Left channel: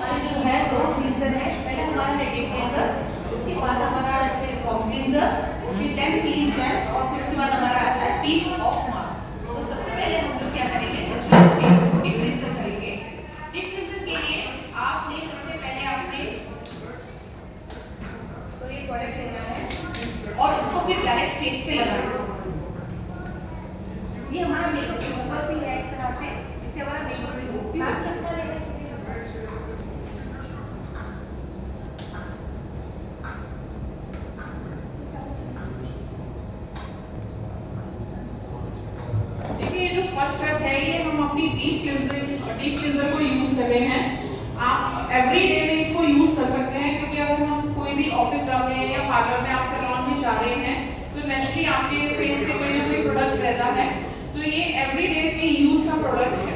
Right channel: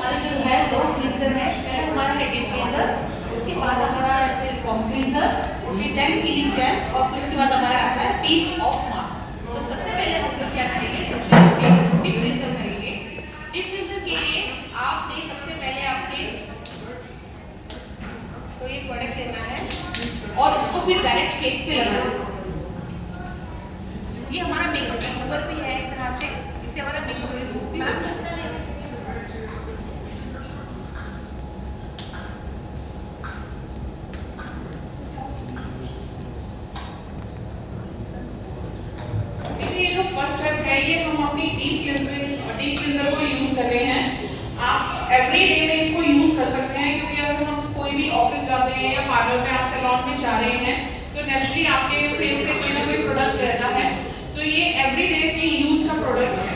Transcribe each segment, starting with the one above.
हमारे जो है दो क्लींजर है, पहले हमारा है डीप क्लींजर, उसके बाद हमारा है कॉम क्लींजर, फिर देन क्लीन जेल और फिर उसके बाद हमारा आता है पीस ऑफ मास्क। तो सबसे पहले हम लोग क्या करेंगे, डीप क्लींजर करेंगे। डीप क्लींजर के लिए आपने सबसे पहले आपने तो ये प्रोडक्ट लेना है और इसको फिर डायरेक्ट फेस पे लगाना है। ये हमारा मेकअप रिमूवर भी है एक तरह से, इससे हमारा मेकअप रिमूव भी होता है। देखिए ये जो फर्स्ट स्टेप है ये हम अपनी डीप क्लींजर को यूज कर रहे हैं। आप एवरी डे में इसको यूज कर सकते हैं, क्योंकि अगर हम कोई भी ऑफिस जाते हैं या पार्लर में आप सैलून में जा रहे हैं तो नेचुरली आपके फेस पे कोई ना कोई प्रोडक्ट रहता है। तो ये एवरी डे के यूज का प्रोडक्ट है,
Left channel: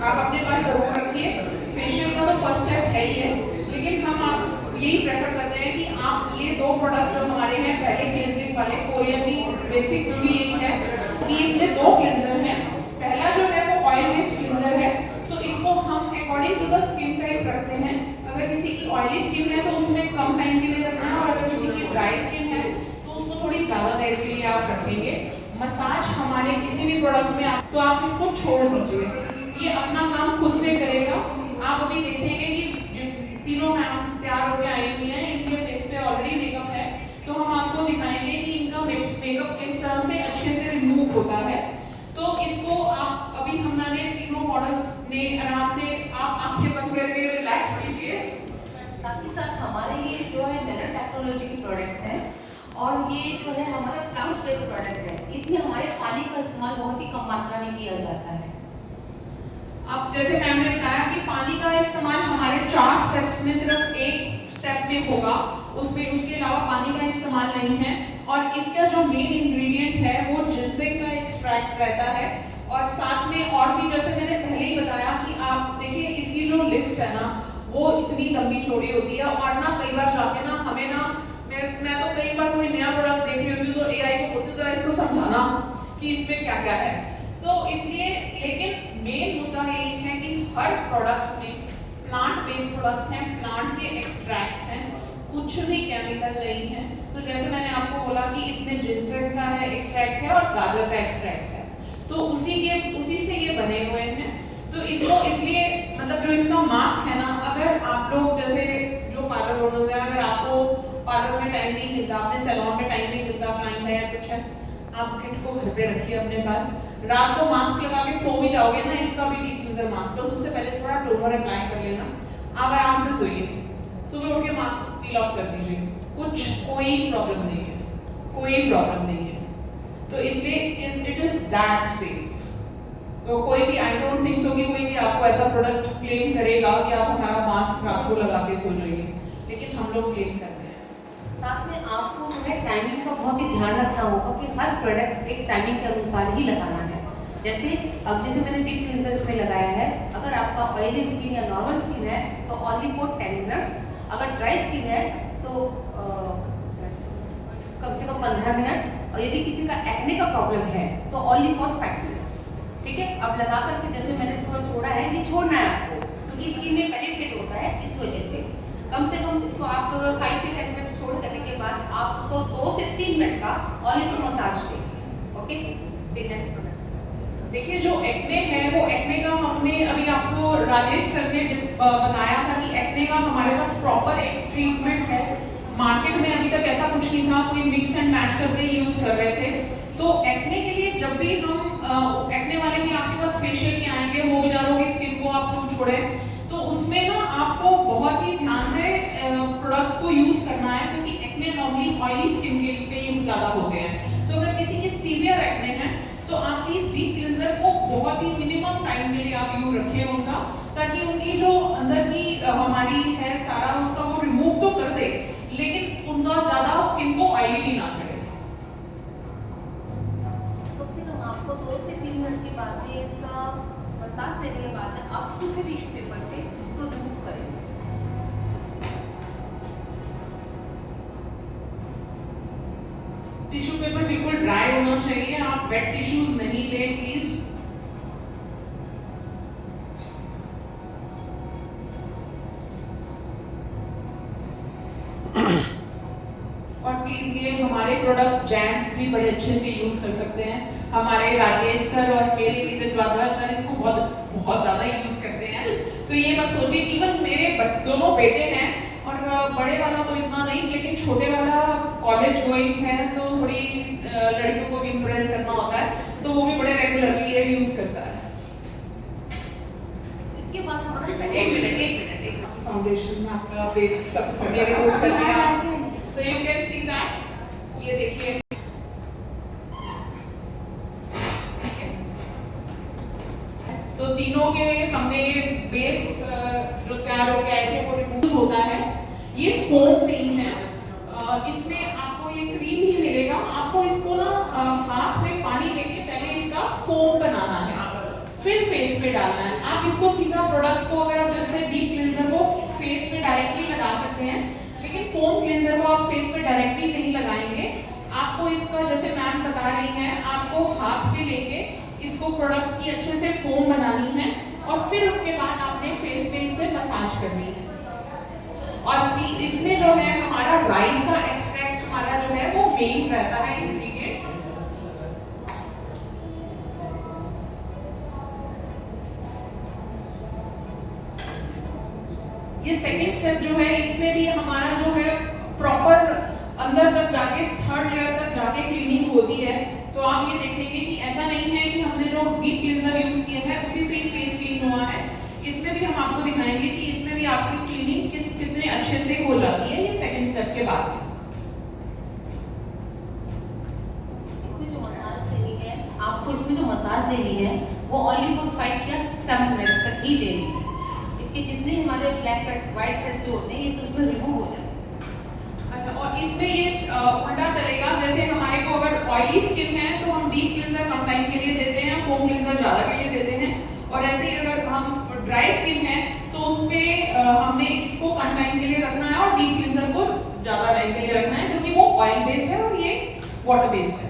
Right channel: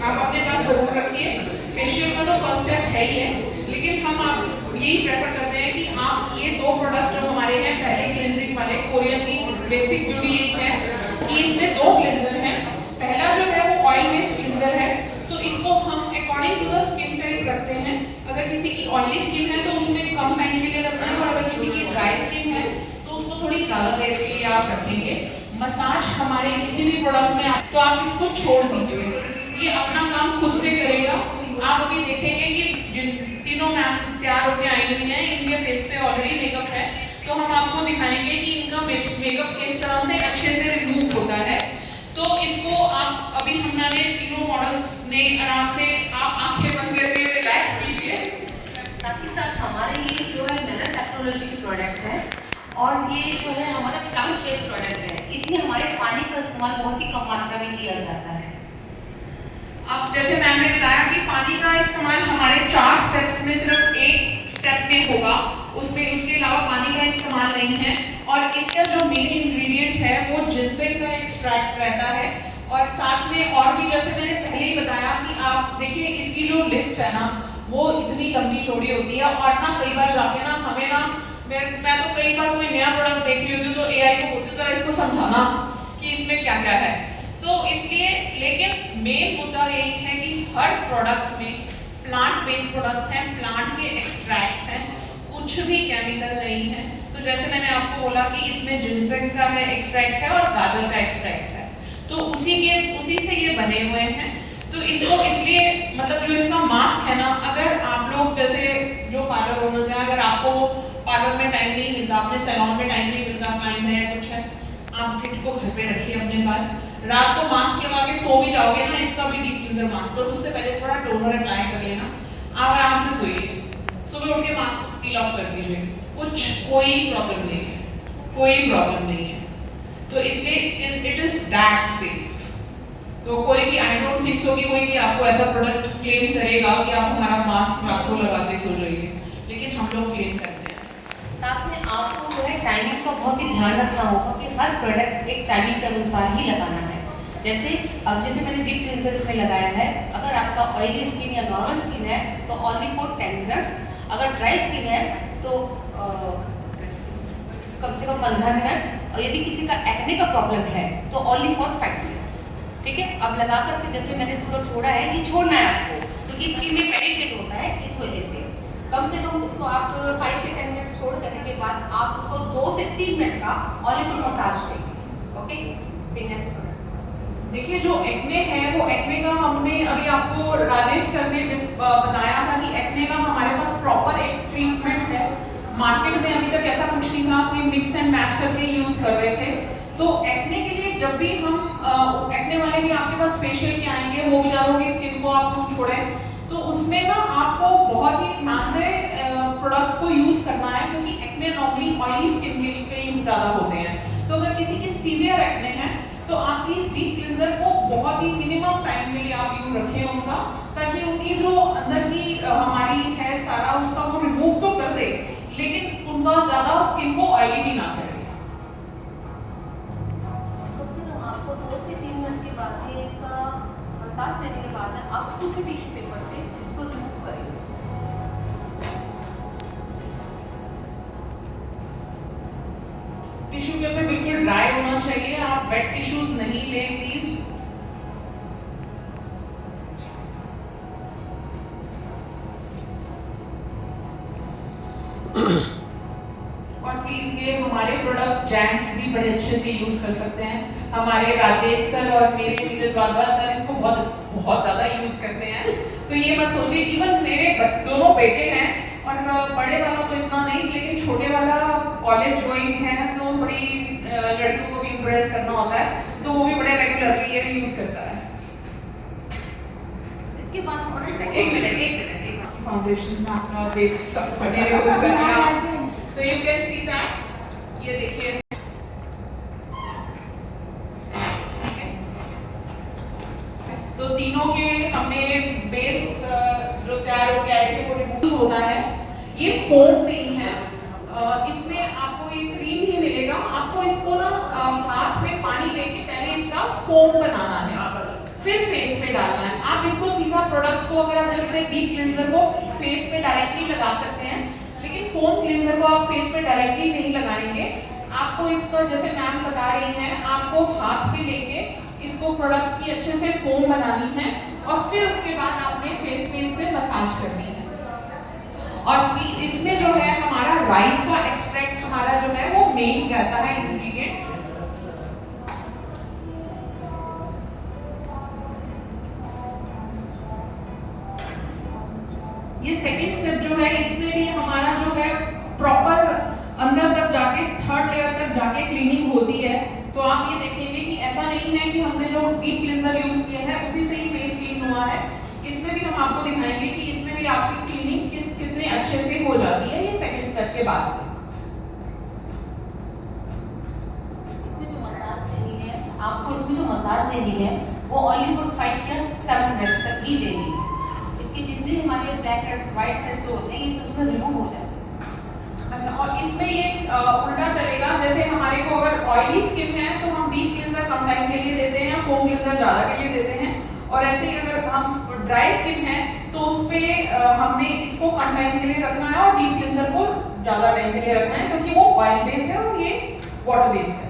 आप अपने पास जरूर रखिए। फेशियल का तो फर्स्ट स्टेप है ही है, लेकिन हम आप यही प्रेफर करते हैं कि आप ये दो प्रोडक्ट जो हमारे हैं, पहले क्लींजिंग वाले कोरियन की बेसिक ब्यूटी यही है कि इसमें दो क्लींजर हैं। पहला जो है वो ऑयल बेस्ड क्लींजर है, तो इसको हम according to the skin type रखते हैं। अगर किसी की ऑयली स्किन है तो उसमें कम टाइम के लिए रखना है, और अगर किसी की ड्राई स्किन है तो उसको थोड़ी ज्यादा देर के लिए आप रखेंगे। मसाज हमारे किसी भी प्रोडक्ट में तो आप इसको छोड़ दीजिए, ये अपना काम खुद से करेगा। आप अभी देखेंगे कि जिन तीनों मैम तैयार होकर आई हुई हैं, इनके फेस पे ऑलरेडी मेकअप है, तो हम आपको दिखाएंगे कि इनका मेकअप किस तरह से अच्छे से रिमूव होता है। तो इसको आप अभी हमने तीनों मॉडल्स ने आराम से आप आंखें बंद करके रिलैक्स कीजिए। साथ ही साथ हमारे ये जो है नैनो टेक्नोलॉजी की प्रोडक्ट है और ये जो है हमारा प्लांट बेस्ड प्रोडक्ट है, इसमें हमारे पानी का इस्तेमाल बहुत ही कम मात्रा में किया जाता है। अब जैसे मैम ने बताया कि पानी का इस्तेमाल हमारे 4 स्टेप्स में सिर्फ एक स्टेप में होगा, उसके अलावा पानी का इस्तेमाल नहीं है। और इसका जो मेन इंग्रेडिएंट है वो जिनसेंग का एक्सट्रैक्ट रहता है। और साथ में और भी, जैसे मैंने पहले ही बताया कि आप देखिए इसकी जो लिस्ट है ना वो इतनी लंबी चौड़ी होती है, और ना कई बार जाके ना हमें ना मैं तो कई बार कोई नया प्रोडक्ट देख रही होती हूँ तो एआई को बोलती हूँ जरा इसको समझाना कि इसमें क्या क्या है। तो इसलिए, लेकिन मेन मुद्दा यही है कि हर प्रोडक्ट में प्लांट बेस्ड प्रोडक्ट्स हैं, प्लांट के एक्सट्रैक्ट्स हैं, कुछ भी केमिकल नहीं है। तो जैसे मैंने आपको बोला कि इसमें जिनसेंग का है एक्सट्रैक्ट है और गाजर का एक्सट्रैक्ट है, तो उसी से ये बने हुए हैं। तो इसको इसलिए मतलब जो इसका मास्क है ना, अगर आप लोग जैसे जो पार्लर ओनर्स हैं, अगर आपको पार्लर में टाइम नहीं मिलता, अपने सैलून में टाइम नहीं मिलता, क्लाइंट है कुछ है, आप किट को घर पे रखिए अपने पास। रात को मास्क लगा के सो भी जाओगे ना, इसका भी डीप क्लींजर मास्क, तो उससे पहले थोड़ा टोनर अप्लाई कर लेना, आप आराम से सोइए, सुबह उठ के मास्क पील ऑफ कर दीजिए, कोई प्रॉब्लम नहीं है, कोई प्रॉब्लम नहीं है। तो इसलिए इट इज दैट सेफ। तो कोई भी, आई डोंट थिंक सो कि कोई भी आपको ऐसा प्रोडक्ट क्लेम करेगा कि आप हमारा मास्क रात को लगा के सो जाइए, लेकिन हम लोग क्लेम करते हैं। साथ में आपको जो है टाइमिंग का बहुत ही ध्यान रखना होगा कि हर प्रोडक्ट एक टाइमिंग के अनुसार ही लगाना है। जैसे मैंने डीप क्लींजर इसमें लगाया है, अगर आपका ऑयली स्किन या नॉर्मल स्किन है तो ओनली फॉर 10 मिनट्स, अगर ड्राई स्किन है तो कम से कम 15 मिनट, और यदि किसी का एक्ने का प्रॉब्लम है तो ओनली फॉर 5 मिनट्स। ठीक है, अब लगा करके जैसे मैंने इसको छोड़ा है, ये छोड़ना है आपको क्योंकि स्किन में पेनिट्रेट होता है, इस वजह से कम से कम इसको आप 5 से 10 मिनट छोड़ करने के बाद आप उसको 2 से 3 मिनट का ऑलिव मसाज देंगे। ओके, फिर नेक्स्ट देखिए जो एक्ने है वो एक्ने का हमने अभी आपको राजेश सर ने बताया था कि एक्ने का हमारे पास प्रॉपर एक ट्रीटमेंट है। मार्केट में अभी तक ऐसा कुछ नहीं था, कोई मिक्स एंड मैच करके यूज कर रहे थे। तो एक्ने के लिए जब भी हम एक्ने वाले भी आपके पास फेशियल के आएंगे, वो बेचारों की स्किन को आप लोग छोड़े, तो उसमें ना आपको बहुत ही ध्यान से प्रोडक्ट को यूज करना है, क्योंकि एक्ने नॉर्मली ऑयली स्किन के पे ही ज्यादा होते हैं। तो अगर किसी की सीवियर एक्ने है तो आप प्लीज डीप क्लींजर को बहुत ही मिनिमम टाइम के लिए आप यूज रखिए उनका, ताकि उनकी जो अंदर की हमारी है सारा उसका वो रिमूव तो कर दे, लेकिन उनका ज्यादा स्किन को ऑयली भी ना करे। आपको 2 से 3 मिनट के बाद में इसका मसाज देने के बाद आप सूखे टिश्यू पेपर से इसको रिमूव करेंगे। टिश्यू पेपर बिल्कुल ड्राई होना चाहिए, आप वेट टिश्यूज नहीं लें प्लीज। और प्लीज ये हमारे प्रोडक्ट जेंट्स भी बड़े अच्छे से यूज कर सकते हैं। हमारे राजेश सर और मेरे नीरज वाधवा सर इसको बहुत बहुत ज्यादा यूज करते हैं। तो ये मत सोचिए, इवन मेरे दोनों बेटे हैं और बड़े वाला तो इतना नहीं, लेकिन छोटे वाला कॉलेज गोइंग है तो थोड़ी लड़कियों को भी इम्प्रेस करना होता है, तो वो भी बड़े रेगुलरली ये भी यूज करता है। इसके बाद हमारा एक मिनट फाउंडेशन में आपका बेस सब बने यूज कर दिया, तो यू कैन सी दैट, ये देखिए ठीक है। तो तीनों के हमने बेस जो तैयार हो गया है वो रिमूव होता है। ये फोम नहीं है, इसमें आपको ये क्रीम ही मिलेगा। आपको इसको ना हाथ में पानी लेके पहले इसका फोम बनाना है, फिर फेस पे डालना है। आप इसको सीधा प्रोडक्ट को अगर आप जैसे डीप क्लींजर को फेस पे डायरेक्टली लगा सकते हैं, लेकिन फोम क्लींजर को आप फेस पे डायरेक्टली नहीं लगाएंगे। आपको इसको जैसे मैम बता रही हैं, आपको हाथ पे लेके इसको प्रोडक्ट की अच्छे से फोम बनानी है और फिर उसके बाद आपने फेस पे इससे मसाज करनी है। और इसमें जो है हमारा राइस का एक्सट्रैक्ट हमारा जो है वो मेन रहता है इंग्रेडिएंट। ये सेकंड स्टेप जो है, इसमें भी हमारा जो है प्रॉपर अंदर तक जाके थर्ड लेयर तक जाके क्लीनिंग होती है। तो आप ये देखेंगे कि ऐसा नहीं है कि हमने जो डीप क्लींजर यूज किया है उसी से ही फेस क्लीन हुआ है। इसमें भी हम आपको दिखाएंगे कि इसमें भी आपकी क्लीनिंग कितने अच्छे से हो जाती है, ये सेकंड स्टेप के बाद। इसमें जो मसाज देनी है, आपको इसमें जो मसाज देनी है वो ओनली फॉर 5 या 7 मिनट्स तक ही देनी है। इसके जितने हमारे ब्लैक हेड्स, व्हाइट हेड्स जो होते हैं ये सब रिमूव हो जाते हैं। और इसमें ये उल्टा चलेगा, जैसे हमारे को अगर ऑयली स्किन है तो हम डीप क्लींजर कम टाइम के लिए देते हैं, फोम क्लींजर ज्यादा के लिए देते हैं। और ऐसे ही अगर हम ड्राई स्किन है तो उस पे हमने इसको कम टाइम के लिए रखना है और डीप क्लींजर को ज्यादा टाइम के लिए रखना है, क्योंकि वो ऑयल बेस्ड है और ये वाटर बेस्ड है।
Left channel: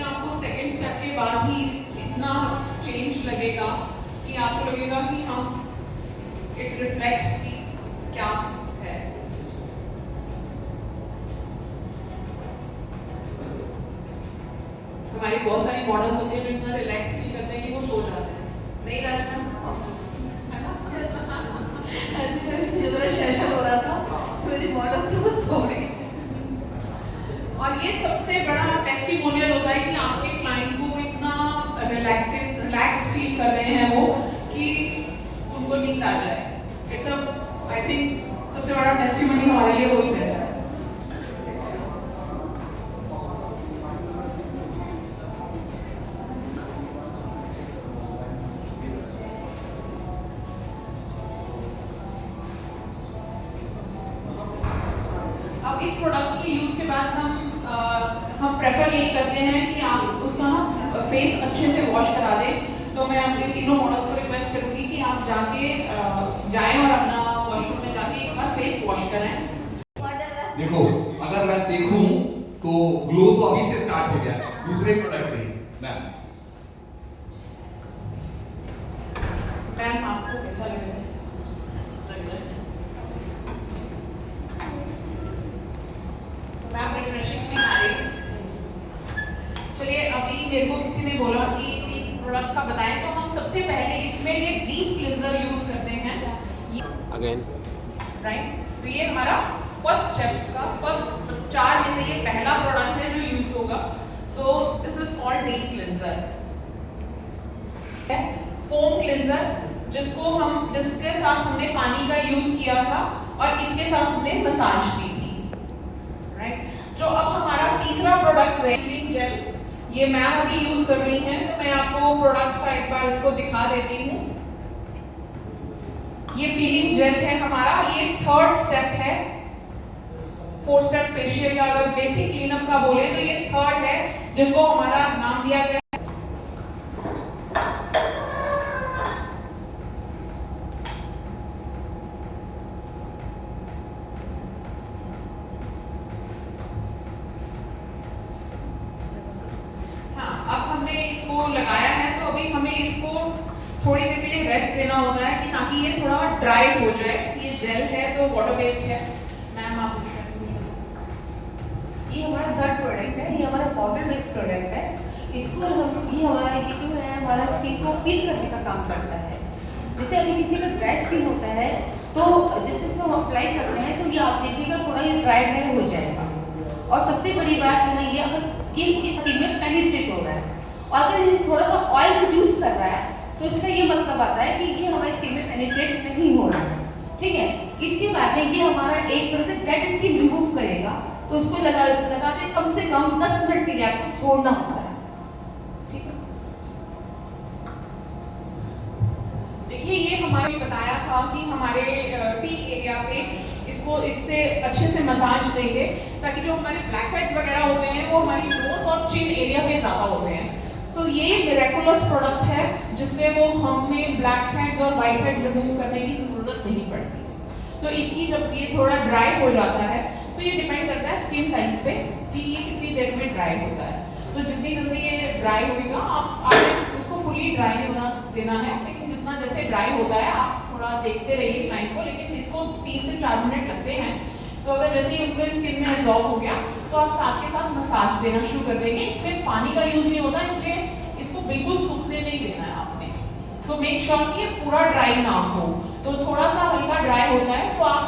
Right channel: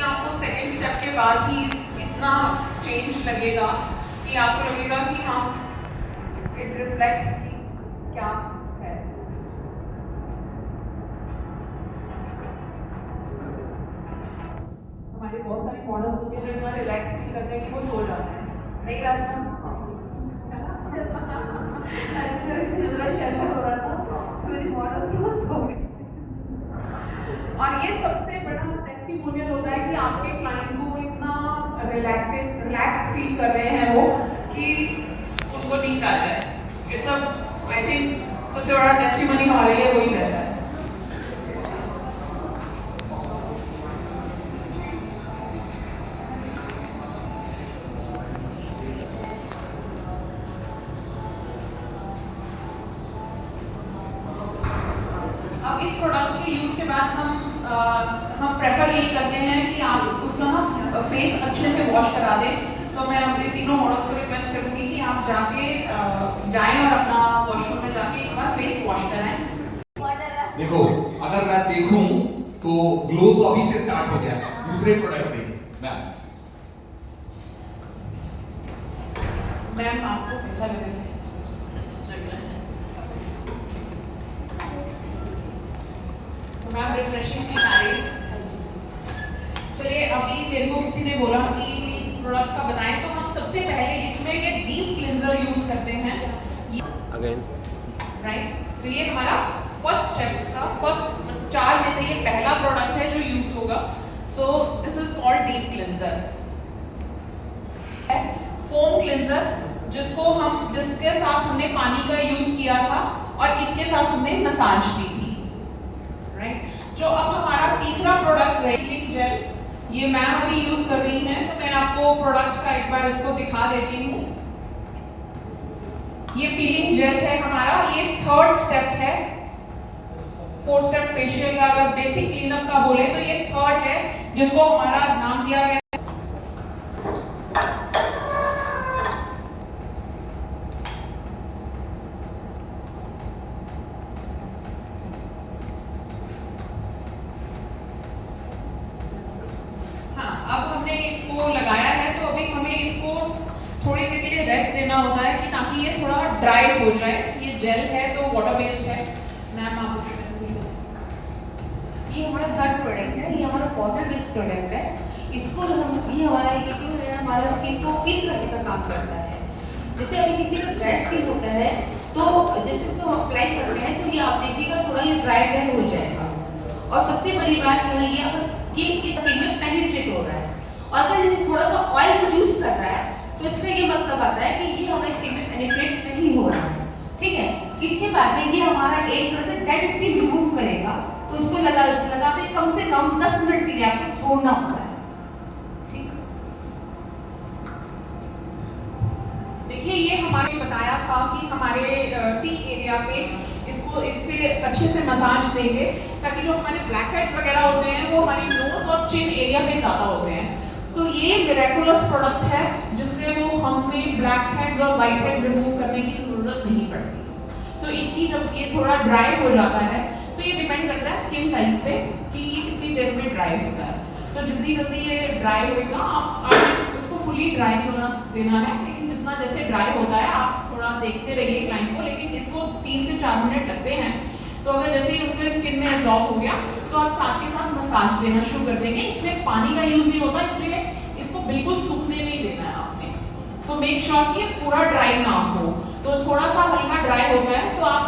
आपको सेकंड स्टेप के बाद ही इतना चेंज लगेगा कि आपको लगेगा कि हाँ इट रिफ्लेक्ट्स की क्या है। हमारी बहुत सारी मॉडल्स होती है जो इतना रिलैक्स फील करते हैं कि वो सो जाते हैं। नहीं राजमान है ना? मेरा सेशन हो रहा था तो मेरी मॉडल थी वो सो गई। और ये सबसे बड़ा टेस्टिमोनियल होता है कि आपके क्लाइंट को इतना रिलैक्स फील कर रहे हैं वो कि उनको नींद आ जाए। इट्स आई थिंक सबसे बड़ा टेस्टिमोनी हमारे लिए वही रहता है। अब इस प्रोडक्ट के यूज के बाद हम प्रेफर यही करते हैं कि आप उसका ना फेस अच्छे से वॉश करा दें। तो मैं अपने तीनों मॉडल्स को रिक्वेस्ट करूंगी कि आप जाएं और अपना वॉशरूम में जाके एक बार फेस वॉश कराएं। देखो, अगर मैं देखूं तो ग्लो तो अभी से स्टार्ट हो गया है दूसरे प्रोडक्ट से। मैम आपको कैसा लग रहा है? मैम रिफ्रेशिंग नहीं आ रही। चलिए, अभी मेरे को किसी ने बोला कि प्लीज प्रोडक्ट का बताएं, तो हम सबसे पहले इसमें ये डीप क्लींजर यूज करते हैं अगेन, राइट। तो ये हमारा फर्स्ट स्टेप का फर्स्ट 4 में से ये पहला प्रोडक्ट है जो यूज होगा। So this is called deep cleanser. Foam cleanser जिसके साथ हमने पानी का यूज किया था और इसके साथ हमने मसाज की थी, राइट। जो अब हमारा तीसरा प्रोडक्ट है पीलिंग जेल, ये मैम अभी यूज कर रही हैं, तो मैं आपको प्रोडक्ट का एक बार इसको दिखा देती हूँ। ये पीलिंग जेल है हमारा, ये थर्ड स्टेप है। 4 स्टेप फेशियल का अगर बेसिक क्लीनअप का बोले तो ये थर्ड है, जिसको हमारा नाम दिया गया। हाँ, अब हमने इसको लगाया है तो अभी हमें इसको थोड़ी देर के लिए रेस्ट देना होता है कि ताकि ये थोड़ा ड्राई हो जाए। ये जेल है तो वाटर बेस्ड है। मैम आप ये हमारा थर्ड प्रोडक्ट है, ये हमारा पाउडर बेस्ड प्रोडक्ट है। इसको ये हमारा ये जो है हमारा स्किन को पील करने का काम करता है। जैसे अगर किसी का ड्राई स्किन होता है तो जैसे इसको हम अप्लाई करते हैं तो ये आप देखिएगा थोड़ा ये ड्राई हो जाएगा। और सबसे बड़ी बात यहाँ ये अगर ये स्किन में पेनिट्रेट हो रहा है और अगर ये थोड़ा सा ऑयल रिड्यूस कर रहा है तो इसका ये मतलब आता है कि ये हमारी स्किन में पेनिट्रेट नहीं हो रहा है, ठीक है। इसके बाद में ये हमारा एक तरह से डेड स्किन रिमूव करेगा, तो उसको लगाते कम से कम 10 मिनट के लिए आपको छोड़ना होता है, ठीक है। देखिए ये हमारे बताया था कि हमारे टी एरिया पे इससे अच्छे से मसाज देंगे ताकि जो हमारे ब्लैक हेड्स वगैरह होते हैं वो हमारी नोज और चिन एरिया पे ज़्यादा होते हैं। तो ये मिरेकुलस प्रोडक्ट है जिससे वो हमें ब्लैक हेड्स और वाइट हेड्स रिमूव करने की ज़रूरत नहीं पड़ती। तो इसकी जब ये थोड़ा ड्राई हो जाता है तो ये डिपेंड करता है स्किन टाइप पे कि ये कितनी देर में ड्राई होता है। तो जितनी जल्दी ये ड्राई होगा आप उसको फुली ड्राई होना देना है, लेकिन जितना जैसे ड्राई होता है आप थोड़ा देखते रहिए क्लाइंट को। लेकिन इसको 3 से 4 मिनट लगते हैं। तो अगर जैसे ही उसके स्किन में एब्जॉर्ब हो गया तो आप साथ के साथ मसाज देना शुरू कर देंगे। इसमें पानी का यूज नहीं होता, इसलिए इसको बिल्कुल सूखने नहीं देना है आपने। तो मेक श्योर कि ये पूरा ड्राई ना हो। तो थोड़ा सा हल्का ड्राई होता है तो आप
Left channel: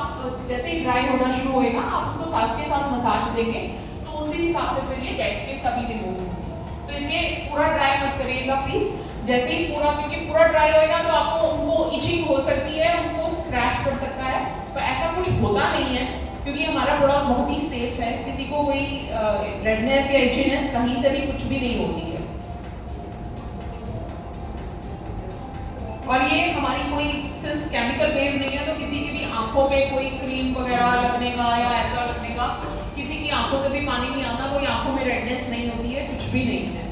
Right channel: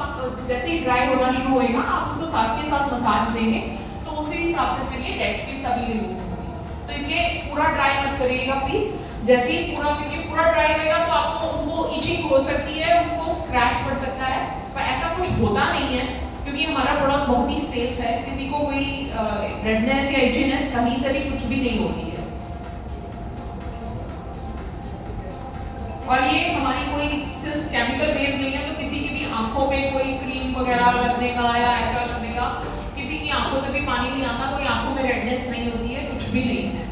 जैसे ही ड्राई होना शुरू होएगा आप उसको साथ के साथ मसाज देंगे, तो उसी हिसाब से फिर ये डेड स्किन कभी रिमूव होगी। तो इसलिए पूरा ड्राई मत करिएगा प्लीज। जैसे ही क्योंकि पूरा ड्राई होएगा तो आपको उनको इचिंग हो सकती है, उनको स्क्रैच पड़ सकता है, पर ऐसा कुछ होता नहीं है क्योंकि हमारा प्रोडक्ट बहुत ही सेफ है। किसी को कोई रेडनेस या इचीनेस कहीं से भी कुछ भी नहीं होती है। और ये हमारी कोई सिर्फ केमिकल बेस्ड नहीं है, तो किसी की भी आंखों पे कोई क्रीम वगैरह लगने का या ऐसा लगने का, किसी की आंखों से भी पानी नहीं आता, कोई आंखों में रेडनेस नहीं होती है, कुछ भी नहीं है।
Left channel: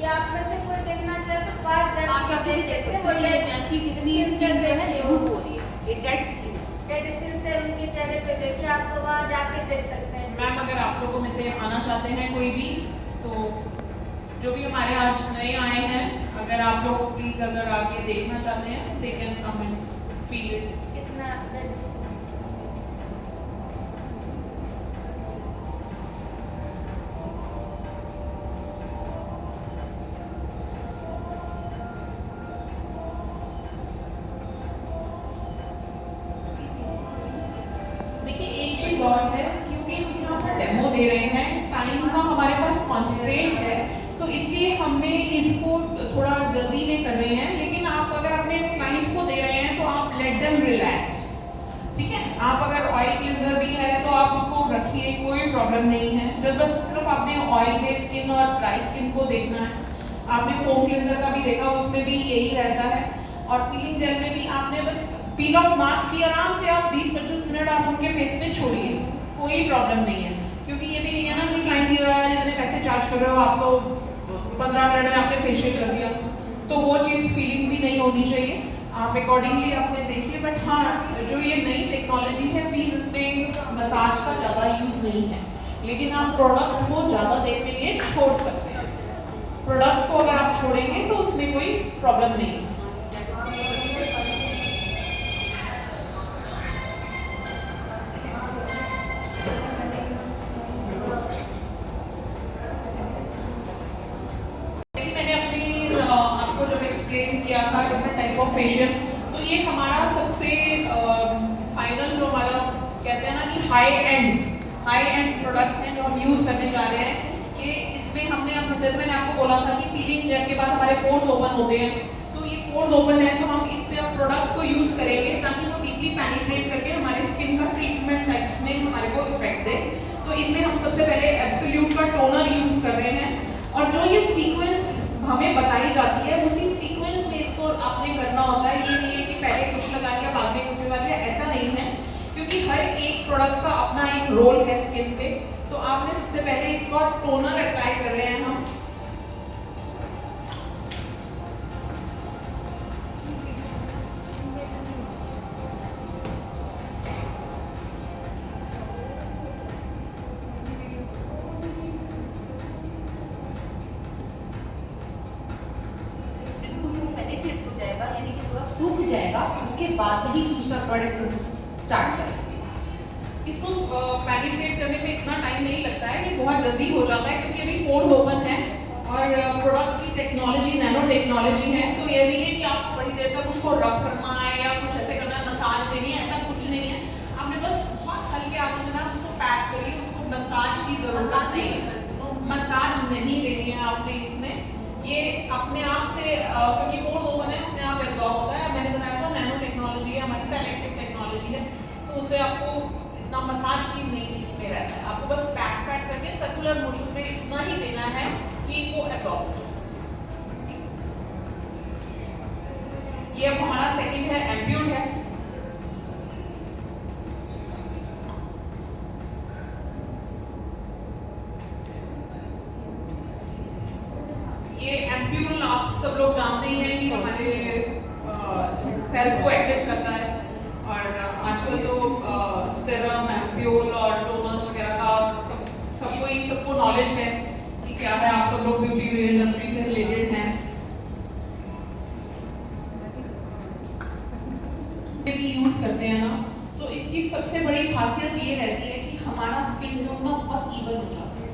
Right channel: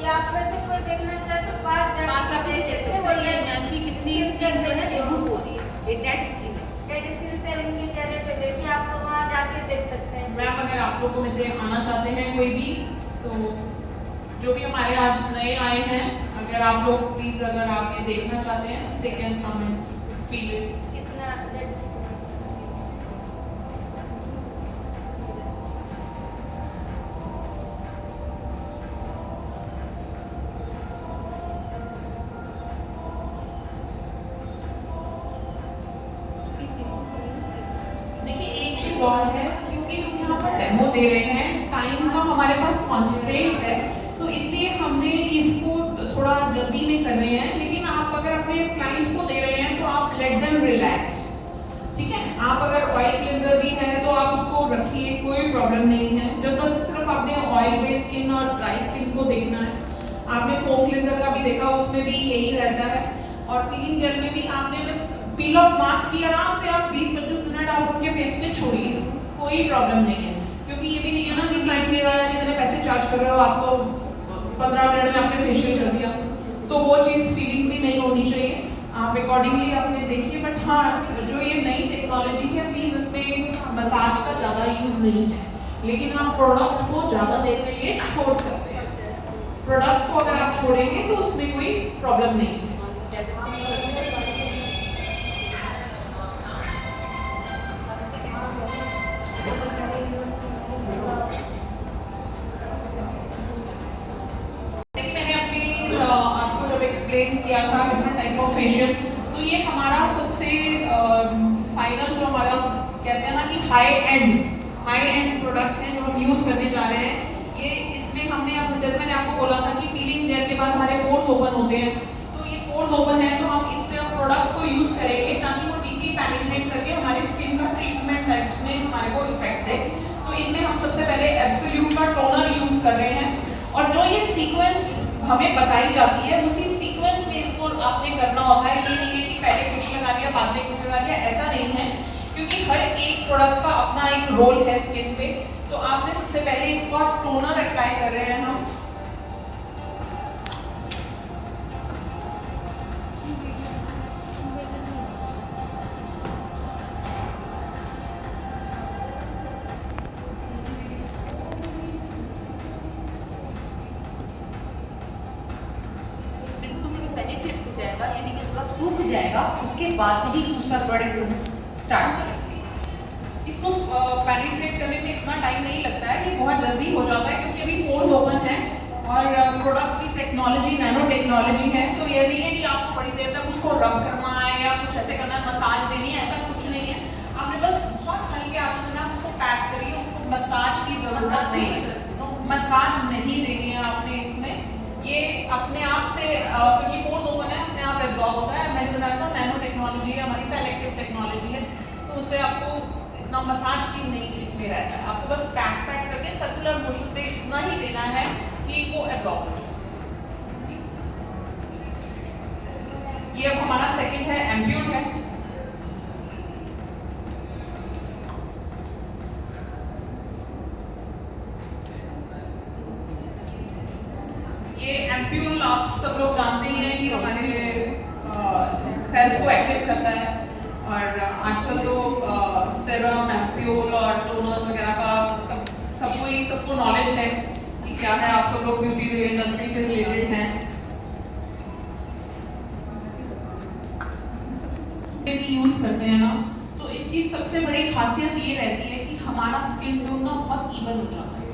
ये आप में से कोई देखना चाहे तो पास जाके देख सकते हैं ये जानकी कितनी स्किन जो है रिमूव हो रही है, ये डेड स्किन है। डेड स्किन से उनके चेहरे पे देखिए, आपको वहाँ जाके देख सकते हैं। मैम अगर आप लोगों में से आना चाहते हैं कोई भी, तो जो भी हमारे आज नए आए हैं, अगर आप लोग प्लीज अगर आके देखना चाहते हैं तो they can come and feel it. कितना डेड स्किन देखिए एक चीज और है, क्योंकि हम यहाँ पर डेमो दे रहे हैं, टाइम का हमारे पास कॉन्स्ट्रेंट है, तो इसलिए हमने इसको थोड़ा जल्दी में कर रहे हैं। लेकिन आप अगर अपने क्लाइंट को दे रहे हैं तो आप लेट देम रिलैक्स, ठीक है। आप अगर ऑयल क्लिनजर भी है तो आप उसको रखिए, कोई प्रॉब्लम नहीं है। जब बस सिर्फ आपने ऑयल बेस्ड स्किन और ड्राई स्किन को देखना है। आपने फोम क्लिनजर का भी देखा, उसमें भी यही रहता है। और पीलिंग जेल में भी आपने बस पील ऑफ मास्क भी आराम से आप 20-25 मिनट आप उनके फेस पे छोड़िए, कोई प्रॉब्लम नहीं है। क्योंकि ये भी नहीं है ना कि क्लाइंट जितने पैसे चार्ज कर रहे हो आप तो 15 मिनट में आपने फेशियल कर दिया, तो वो चीज़ फीलिंग भी नहीं होनी चाहिए। आप अकॉर्डिंगली आपने देखिए। बट हाँ, जो ये नई टेक्नोलॉजी है प्लीज इसमें मसाज का ज़्यादा यूज नहीं है, लेकिन आप प्रोडक्ट को ज़्यादा देर के लिए छोड़ सकते हैं। प्रोडक्ट को अगर आप छोड़ेंगे तो उसमें कोई प्रॉब्लम नहीं है। आपको जब एक्सप्लेन किया था डिफरेंट टाइप ऑफ फेशियल, तो ये हमारा सबसे फाइनल जो हमारा कहते हैं ना कि हाई एंड प्रोडक्ट है जो हम यूज करने जा रहे हैं। ये इसमें हमने अब आपने बोला था कि पीलिंग जेल के बाद हमारे पोर्स ओपन होते हैं, तो ये पोर्स ओपन है तो हम इस प्रोडक्ट को यूज करेंगे ताकि वो डीपली पेनिट्रेट करके हमारे स्किन का ट्रीटमेंट है इसमें हमारे को इफेक्ट दे। तो इसमें हम सबसे पहले एब्सोल्यूट का टोनर यूज कर रहे हैं, और जो ये सीक्वेंस हमें बताई जाती है उसी सीक्वेंस में इसको आपने करना होता है। ये नहीं है कि पहले कुछ लगा लिया बाद में कुछ लगा लिया, ऐसा नहीं है, क्योंकि हर एक प्रोडक्ट का अपना एक रोल है स्किन पे। तो आपने सबसे पहले इसका टोनर अप्लाई कर रहे हैं हम। पेनिट्रेट हो जाएगा, यानी कि थोड़ा सूख जाएगा, उसके बाद ही दूसरा प्रोडक्ट स्टार्ट करेंगे। इसको पेनिट्रेट करने में इतना टाइम नहीं लगता है, ये बहुत जल्दी हो जाता है क्योंकि अभी पोर्स ओपन है और प्रोडक्ट की टेक्नोलॉजी नैनो टेक्नोलॉजी है। तो ये नहीं है कि आप बड़ी देर तक उसको रब करना है या कुछ ऐसे करना है, मसाज देनी है, ऐसा कुछ नहीं है। आपने बस बहुत हल्के हाथों से ना उसको पैक करिए, उसको मसाज की जरूरत नहीं है, मसाज नहीं देनी है आपने इसमें। ये अपने आप से क्योंकि पोर्स ओपन है अपने आप एब्जॉर्ब होता है। मैंने बताया था नैनो टेक्नोलॉजी है, हमारी सेलेक्टिव टेक्नोलॉजी है, तो उससे आपको इतना मसाज की नहीं इसमें रहता है। आपको बस पैक करके सर्कुलर मोशन पे इतना ही देना है कि वो एब्जॉर्ब हो जाए। ये अब हमारा सेकंड है एम्प्यूल है। ये एम्प्यूल आप सब लोग जानते ही हैं कि हमारे सेल्स को एक्टिव करता है, और आजकल तो सेरम, एम्प्यूल और टोनर्स वगैरह का सबको नॉलेज है कि क्या है। आप सब लोग ब्यूटी इंडस्ट्री से रिलेटेड हैं, भी यूज करते हैं ना, तो इसकी सबसे बड़ी खासियत ये रहती है कि हमारा स्किन टोन ना बहुत इवन हो जाता है।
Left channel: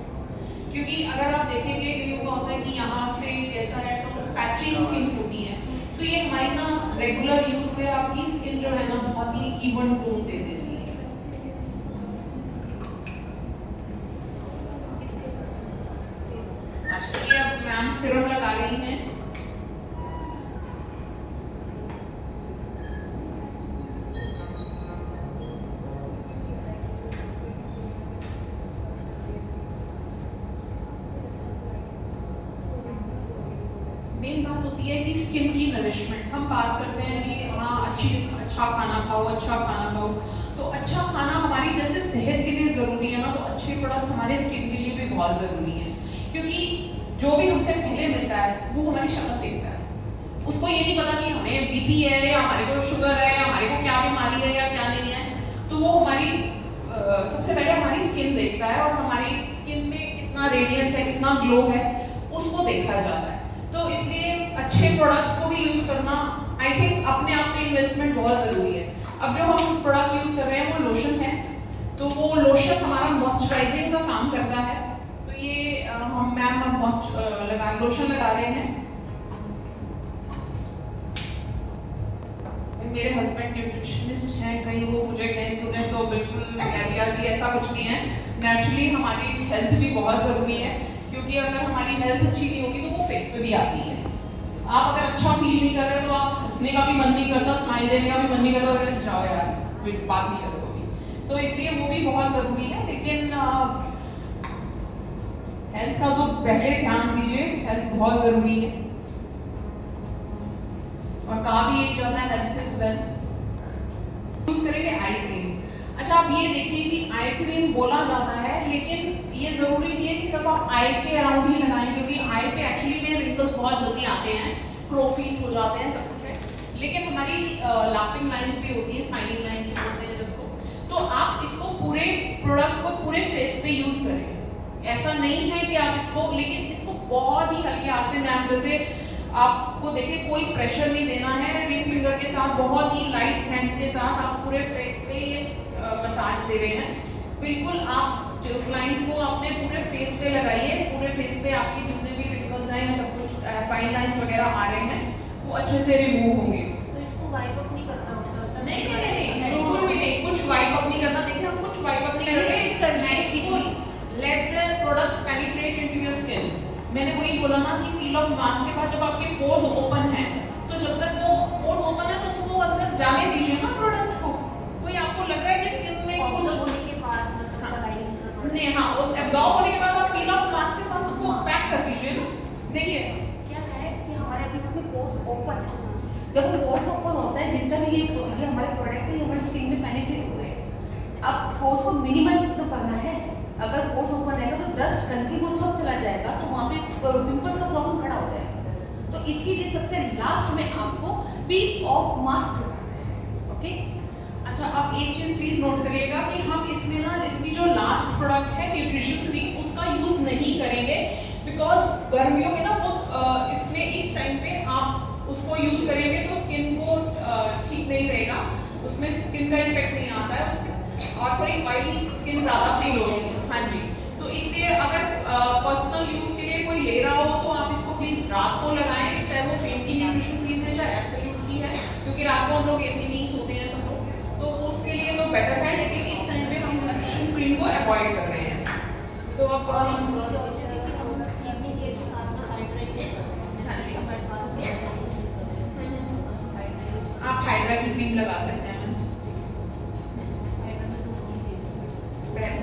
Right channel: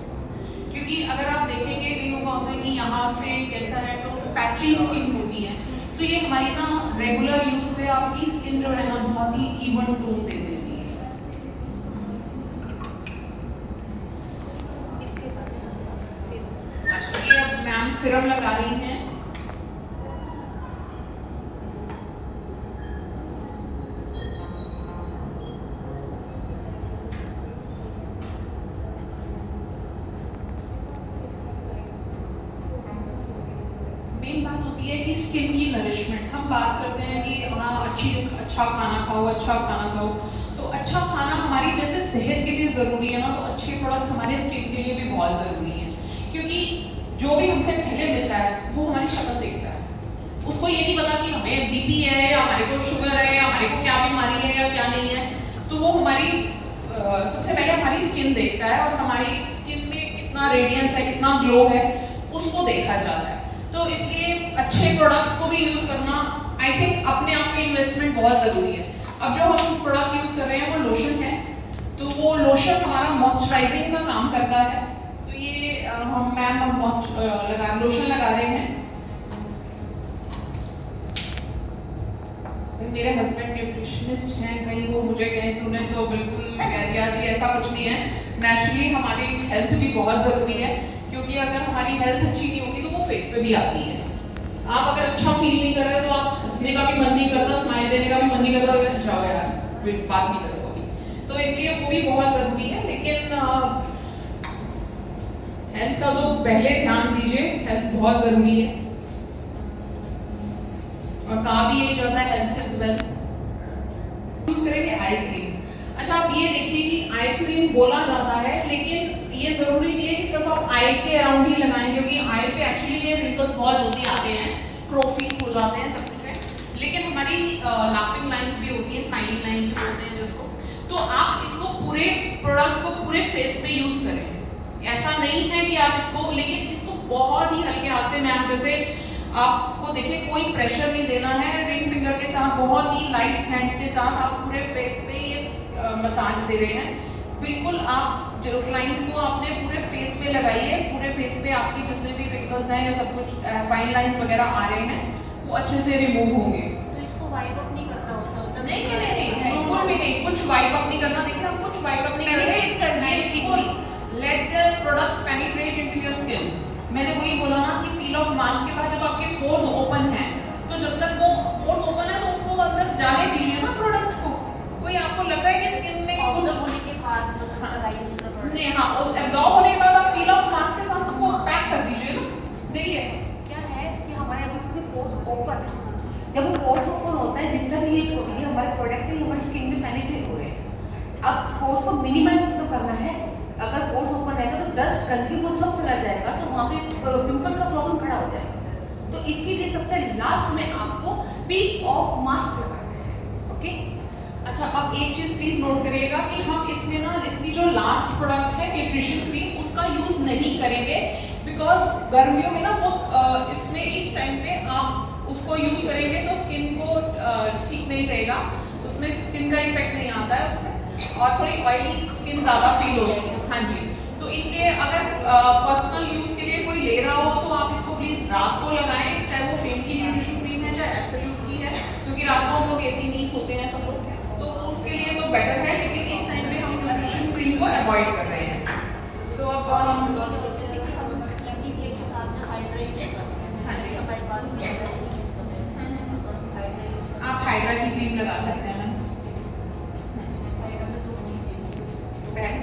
क्योंकि अगर आप देखेंगे कईयों का होता है कि यहाँ से कैसा है तो पैची स्किन होती है, तो ये हमारी ना रेगुलर यूज से आपकी स्किन जो है ना बहुत ही इवन टोन दे देती है। अच्छा, ये अब मैम सिरम लगा रही हैं। मेन बात होती है कि स्किन की नरिशमेंट। हम बात करते हैं कि हाँ अच्छा खाना खाओ, अच्छा खाना खाओ, तो अच्छा खाना हमारी जैसे सेहत के लिए ज़रूरी है ना, तो अच्छे प्रोडक्ट्स हमारे स्किन के लिए भी बहुत ज़रूरी है। क्योंकि जो भी हमसे पहले मिलता है वो हमारी शक्ल देखता है, उसको ये नहीं पता कि हमें बीपी है या हमारे को शुगर है या हमारे को क्या बीमारी है या क्या नहीं है। तो वो हमारी सबसे पहले हमारी स्किन देखता है, और हमारी स्किन में कितना रेडियंस है, कितना ग्लो है, उसको देखा जाता है। तो इसलिए अच्छे प्रोडक्ट्स को भी यूज करना आई थिंक अपने आप में इन्वेस्टमेंट बहुत जरूरी है। अब जो हम प्रोडक्ट यूज कर रहे हैं वो लोशन है, तो वो लोशन हमारा मॉइस्चराइजिंग का काम करता है। तो ये हम लोशन लगा रहे हैं। मेरे हस्बैंड न्यूट्रिशनिस्ट हैं, कहीं वो मुझे कहें तूने तो बिल्कुल कह दिया कि ऐसा कुछ नहीं है। नेचुरली हमारी हेल्थ भी बहुत जरूरी है, क्योंकि अगर हमारी हेल्थ अच्छी नहीं होगी तो वो फेस पे भी आती है। आप अगर अच्छा फील नहीं कर रहे तो आप हंसने का भी मन नहीं करता, स्माइल देने का भी मन नहीं करता, तो जाओ यार बात नहीं कर रहे। तो इसलिए वो भी बहुत जरूरी है। लेकिन हेल्थ का तो पहले ध्यान दीजिए, हेल्थ बहुत जरूरी है, और कहा भी यही जाता है हेल्थ इज वेल्थ। यूज करेंगे आई क्रीम। अच्छा, आप ये देखिए कि आई क्रीम बोला जाता है, लेकिन ये जरूरी नहीं है कि सिर्फ आप आई के अराउंड ही लगाएं, क्योंकि आई पे एक्चुअली ये रिंकल्स बहुत जल्दी आते हैं, क्रोफीन हो जाते हैं, सब कुछ है। लेकिन हमारी लाफिंग लाइंस भी होती है, स्माइलिंग लाइंस भी होते हैं जिसको, तो आप इसको पूरे प्रोडक्ट को पूरे फेस पे यूज करें। ऐसा नहीं है कि आप इसको, लेकिन इसको बहुत ही हल्के हाथ से, मैम जैसे आपको देखिए कोई प्रेशर नहीं देना है, रिंग फिंगर के साथ बहुत ही लाइट हैंड्स के साथ आप पूरे फेस पे ये मसाज दे रहे हैं। बिल्कुल आप जो क्लाइंट को आपने पूरे फेस पे लगाइए, पूरे फेस पे आपकी जितने भी रिंकल्स हैं या सब कुछ फाइन लाइंस वगैरह आ रहे हैं वो अच्छे से रिमूव होंगे। तो इसको वाइप अप नहीं करना होता? नहीं नहीं नहीं, बिल्कुल भी नहीं, कुछ वाइप अप नहीं करना। देखिए हम कुछ वाइप अप नहीं कर रहे हैं, करना है, let the products penetrate into your skin. मैंने वही बोला ना कि पील ऑफ मास्क के बाद जब आपके पोर्स ओपन है, तो जब तक वो पोर्स ओपन है तो उनको अंदर डाले दीजिए ना प्रोडक्ट को। कोई आपको लग रहा है कि स्किन में ऑब्जर्व होने के बाद मतलब लगाइए दूसरा प्रोडक्ट। नहीं, हाँ, और एब्जॉर्ब होने के बाद आप पील ऑफ मास्क के साथ उसको पैक कर दीजिए ना। देखिए क्या है कि हमारे अभी इसमें पोर्स ओपन है। जब वो पोर्स ओपन होता है, जितना भी ये हमारे प्रोडक्ट है, ये हमारी स्किन में पेनिट्रेट हो रहे हैं। अब पोर्स को मिनिमाइज तो करना है। अगर पोर्स ओपन रहेगा तो डस्ट करके वो सब चला जाएगा, तो वहाँ पे पिंपल्स का प्रॉब्लम खड़ा हो जाएगा। तो इसके लिए सबसे लास्ट में आपको पील ऑफ मास्क लगाना है। ओके, अच्छा, अब एक चीज प्लीज नोट करिएगा कि हम इसमें ना इसकी जो लास्ट प्रोडक्ट है न्यूट्रिशन क्रीम, उसका यूज नहीं करेंगे, बिकॉज गर्मियों में ना वो इसमें इस टाइम पे आप उसको यूज करेंगे तो स्किन को ठीक नहीं रहेगा, उसमें स्किन का इफेक्ट नहीं आता है उसमें, और थोड़ी ऑयली स्किन ज़्यादा फील होगी। हाँ जी, तो इसलिए अगर पर्सनल यूज के लिए कोई ले रहा हो तो आप इसको प्लीज रात को लगाएं, चाहे वो फेम की न्यूट्रिशन क्रीम है चाहे एब्सोल्यूट की है, क्योंकि रात को हम लोग एसी नहीं सोते हैं सब लोग, तो उसके लिए तो बेटर है। लेकिन इस टाइम पे हम न्यूट्रिशन क्रीम को अवॉइड कर रहे हैं। तो अब हाँ जी, आप हाइड्रा की क्रीम लगा सकते हैं।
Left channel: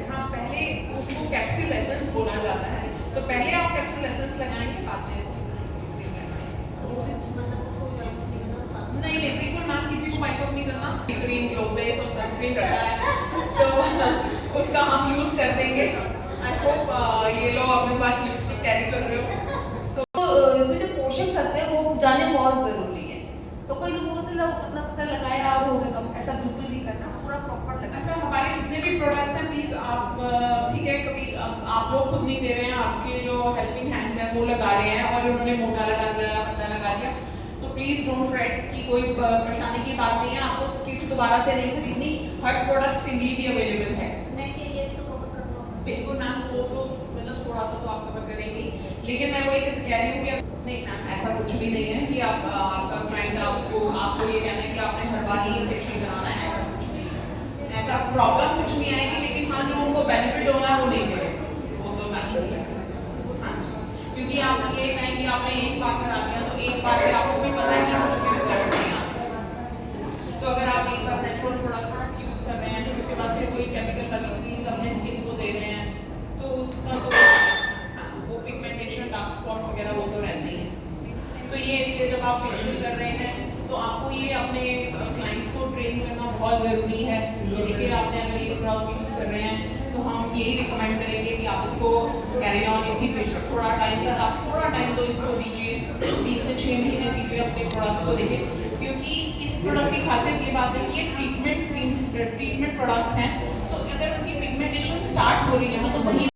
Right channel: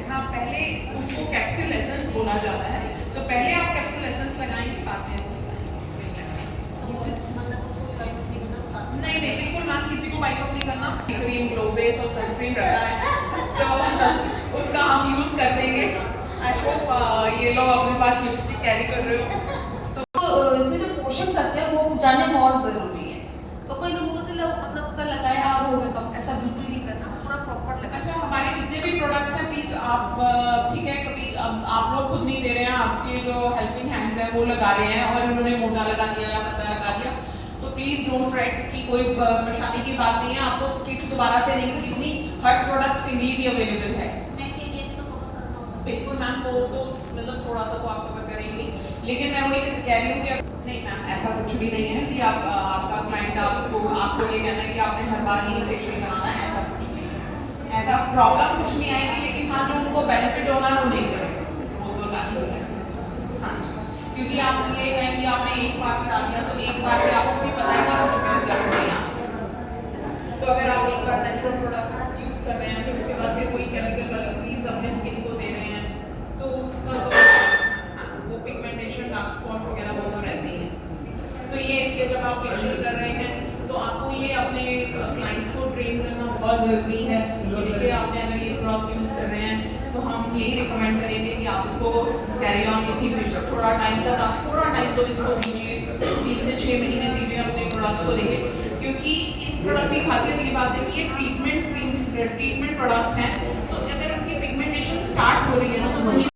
हाँ, पहले उसको कैप्सूल एसेंस बोला जाता है, तो पहले आप कैप्सूल एसेंस लगाएंगे, बाद में नहीं नहीं, बिल्कुल ना, किसी को वाइप अप नहीं करना। क्रीम, ग्लो बेस और सनस्क्रीन रखा है तो उसका हम यूज कर देंगे। आई होप ये लोग अपने पास लिपस्टिक कैरी कर रहे हो। तो इसमें जो पोषण तत्व है वो जाने बहुत जरूरी है। तो कोई लोग मतलब अपना पता लगाया और हो गया कम, ऐसा बिल्कुल नहीं करना, पूरा प्रॉपर लगाना। अच्छा, हमारे जितने भी प्रोडक्ट्स हैं प्लीज आप ठीक है, कभी आप लोग खुद नहीं दे रहे हैं, आपके जो हेल्पिंग हैंड्स हैं वो लगा रहे हैं और उन्होंने मोटा लगा दिया या पतला लगा दिया, तो प्लीज डोंट फ्रेट कि कोई परेशानी की बात नहीं है। आपको किट दोबारा से नहीं खरीदनी, हर प्रोडक्ट सिंगली भी अवेलेबल है। बिल्कुल मैम, वो तो मतलब थोड़ा सा तो आप कवर करेंगे, लेकिन मैं वो एक कह रही हूँ कि नहीं मैम, ऐसा कुछ भी नहीं है कि आप आपका क्लाइंट आपको ये कहना है कि आपने हर बार ही फेशियल कराना है, ऐसा कुछ नहीं है। ऐसा प्रॉब्लम कुछ नहीं आएगी, लेकिन हाँ, जो उनको बेनिफिट होना है वो नहीं करेंगे, वो तो नेचुरल है। हाँ, क्योंकि आप ये कहें कि आपने एक बार करा लिया तो एक बार से आपको भी पता है कि कुछ भी दर्द नहीं आता। तो अगर आप एक बार नेचुरल प्रोडक्ट्स यूज कर रहे हैं, फिर उसके बाद फिर कोई केमिकल वाली क्रीम्स अपने स्किन को दे रहे हैं, तो उसका तो वो पिगमेंटेशन, डार्क स्पॉट्स वगैरह वो तो रहती है। तो ये इसलिए जब आप फेशियल कर रहे हैं तो आपको ये अपने क्लाइंट्स को ट्रेन करना बहुत ज़रूरी है। देखिए, आपने अगर ये प्रोडक्ट यूज़ कर रहे हैं तो हम यही रिकमेंड करेंगे कि आप इसको कैरी ऑन इसी फेशियल थोड़ा टाइम तक, आप थोड़ा टाइम तो इसको दीजिए, 3 से 6 महीने दीजिए अपने प्रोडक्ट्स को। देखिए, क्योंकि इस प्रोडक्ट की खासियत ये बात है कि ये ट्रीटमेंट प्रोडक्ट्स हैं, तो अगर उनकी पिगमेंटेशन स्टार्ट हो रही है ना, तो वही